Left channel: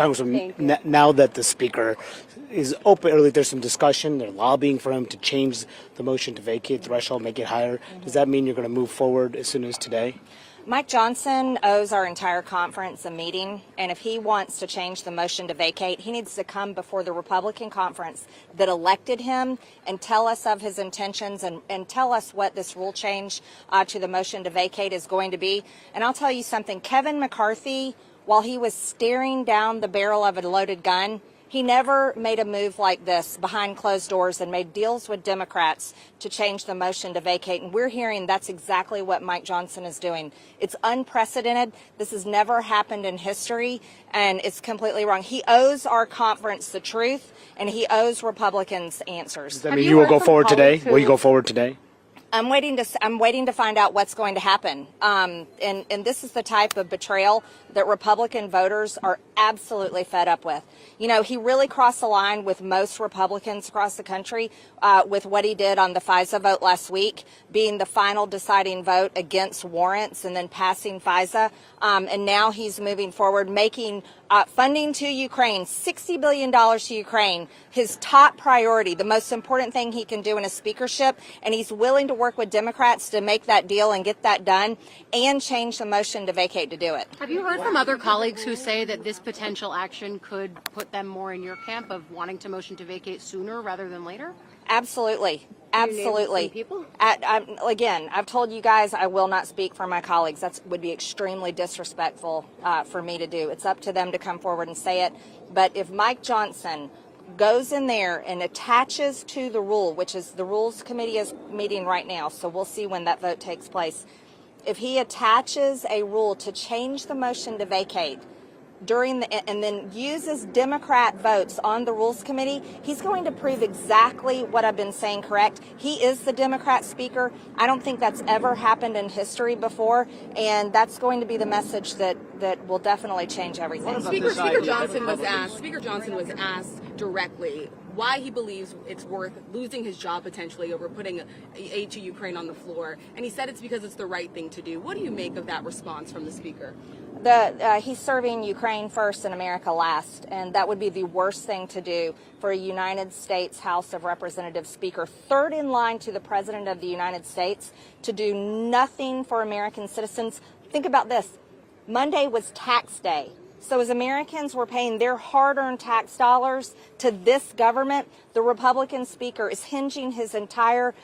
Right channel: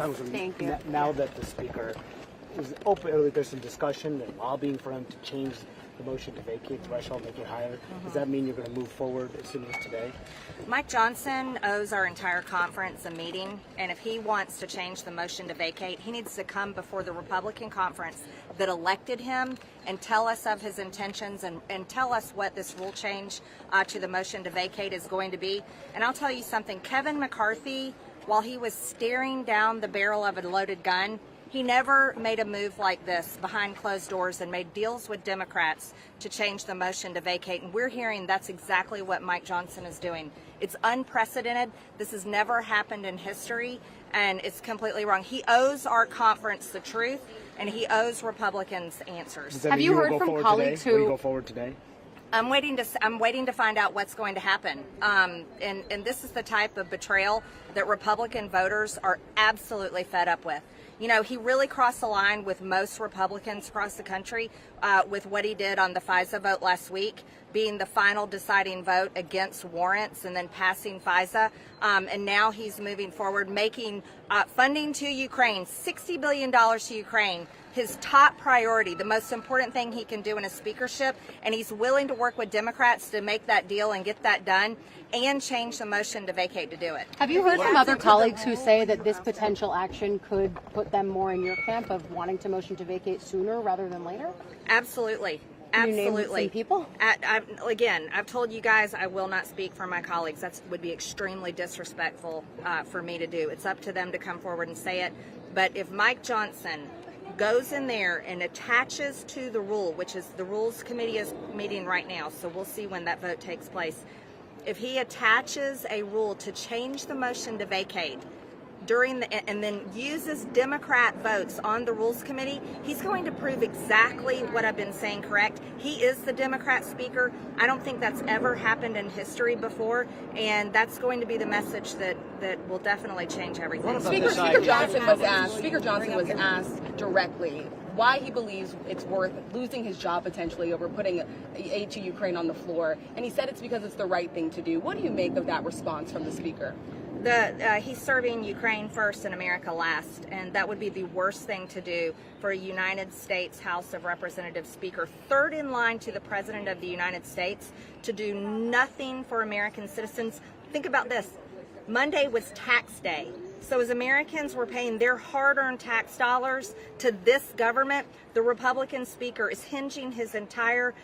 Congresswoman, now that the Speaker is open, or there's some discussion, they're lobbying for him to change the motion to vacate threshold, make it higher. Does that mean you're going to move forward as soon as today? Mike Johnson owes our entire conference a meeting, and if he wants to change the motion to vacate, he needs to come before the Republican conference that elected him and tell us of his intentions and tell us what this rule change to the motion to vacate is going to be. And I'll tell you something, Kevin McCarthy, while he was staring down the barrel of a loaded gun, he never made a move like this behind closed doors and made deals with Democrats to change the motion to vacate. And we're hearing that's exactly what Mike Johnson is doing. It's unprecedented. This has never happened in history, and it's completely wrong. He owes our conference the truth, and he owes Republicans answers. Does that mean you will go forward today? Will you go forward today? I'm waiting to find out what's going to happen. And this is the type of betrayal that Republican voters are absolutely fed up with. You know, he really crossed the line with most Republicans across the country with what he did on the FISA vote last week, being the final deciding vote against warrants and then passing FISA. And now he's moving forward, making funding to Ukraine, $60 billion to Ukraine, his top priority, the most important thing he can do in a speakership. And he's willing to work with Democrats to make that deal and get that done and change the motion to vacate to do it. Have you heard from other colleagues who say that this potential action could put them more in your camp of wanting to motion to vacate sooner rather than later? Absolutely. Can you name Absolutely. some people? Again, I've told you guys I will not speak for my colleagues. That would be extremely disrespectful for me to do. It's up to them to come forward and say it. But if Mike Johnson goes in there and attaches to the rule, which is the Rules Committee is meeting right now, so we'll see when that vote takes place. If he attaches a rule to change the motion to vacate and then uses Democrat votes on the Rules Committee, he's going to prove exactly what I've been saying correct. He is the Democrat speaker. I don't think that's ever happened in history before, and that's going to be the message that will definitely change everything. Speaker Johnson was asked directly why he believes it's worth losing his job potentially over putting aid to Ukraine on the floor, and he said it's because it's the right thing to do. What do you make of that response from the speaker? He's serving Ukraine first and America last, and that would be the worst thing to do for a United States House of Representatives speaker, third in line to the President of the United States, to do nothing for American citizens. Think about this. Monday was tax day. So as Americans were paying their hard-earned tax dollars to this government, the Republican speaker is hinging his entire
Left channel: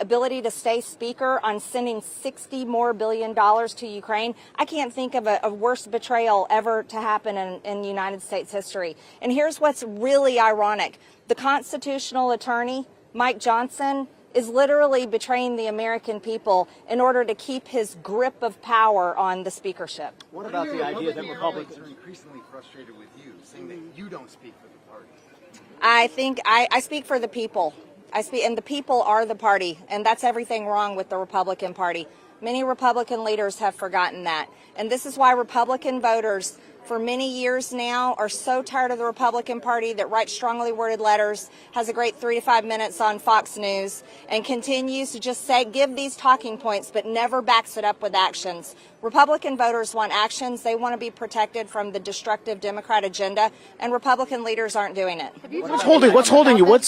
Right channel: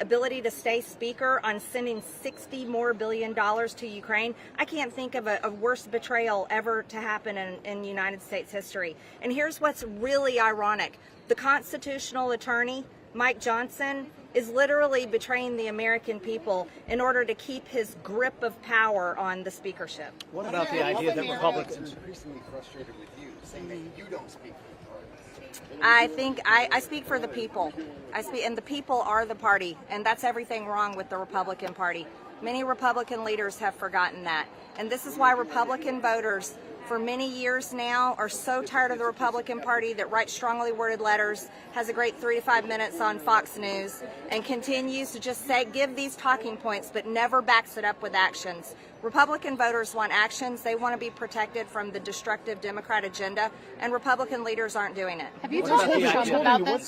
ability to stay speaker on sending $60 more billion to Ukraine. I can't think of a worse betrayal ever to happen in United States history. And here's what's really ironic. The constitutional attorney, Mike Johnson, is literally betraying the American people in order to keep his grip of power on the speakership. What about the idea that Republicans are increasingly frustrated with you, saying that you don't speak for the party? I think I speak for the people. And the people are the party, and that's everything wrong with the Republican Party. Many Republican leaders have forgotten that. And this is why Republican voters for many years now are so tired of the Republican Party that writes strongly worded letters, has a great 3 to 5 minutes on Fox News, and continues to just give these talking points but never backs it up with actions. Republican voters want actions. They want to be protected from the destructive Democrat agenda, and Republican leaders aren't doing it. What's holding you?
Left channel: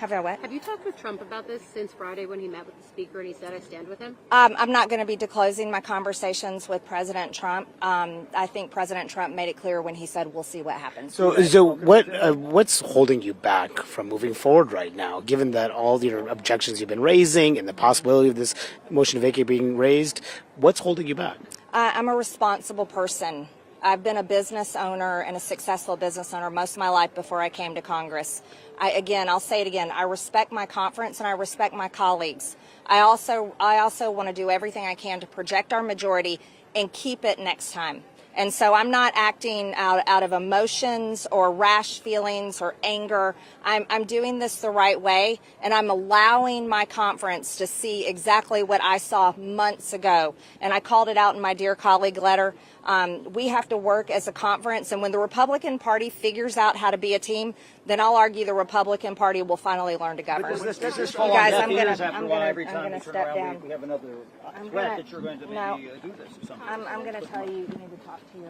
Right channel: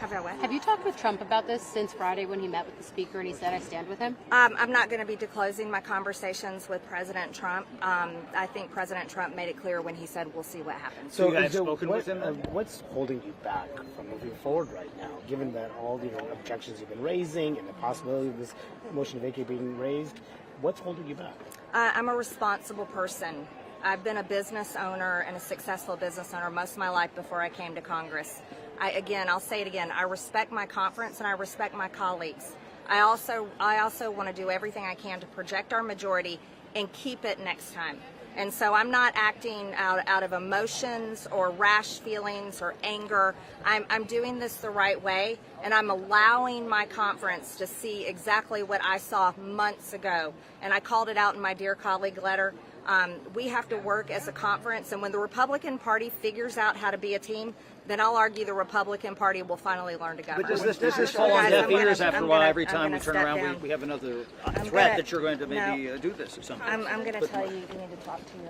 Have you talked with Trump about this since Friday when he met with the speaker and he said, I stand with him? I'm not going to be disclosing my conversations with President Trump. I think President Trump made it clear when he said, we'll see what happens. So what's holding you back from moving forward right now, given that all your objections you've been raising and the possibility of this motion to vacate being raised? What's holding you back? I'm a responsible person. I've been a business owner and a successful business owner most of my life before I came to Congress. I'll say it again, I respect my conference and I respect my colleagues. I also want to do everything I can to project our majority and keep it next time. And so I'm not acting out of emotions or rash feelings or anger. I'm doing this the right way, and I'm allowing my conference to see exactly what I saw months ago. And I called it out in my Dear Colleague letter. We have to work as a conference, and when the Republican Party figures out how to be a team, then I'll argue the Republican Party will finally learn to govern. But does this guys, after a while, every time we turn around, we have another threat that you're going to maybe do this or something? I'm going to tell you, you need to talk to me.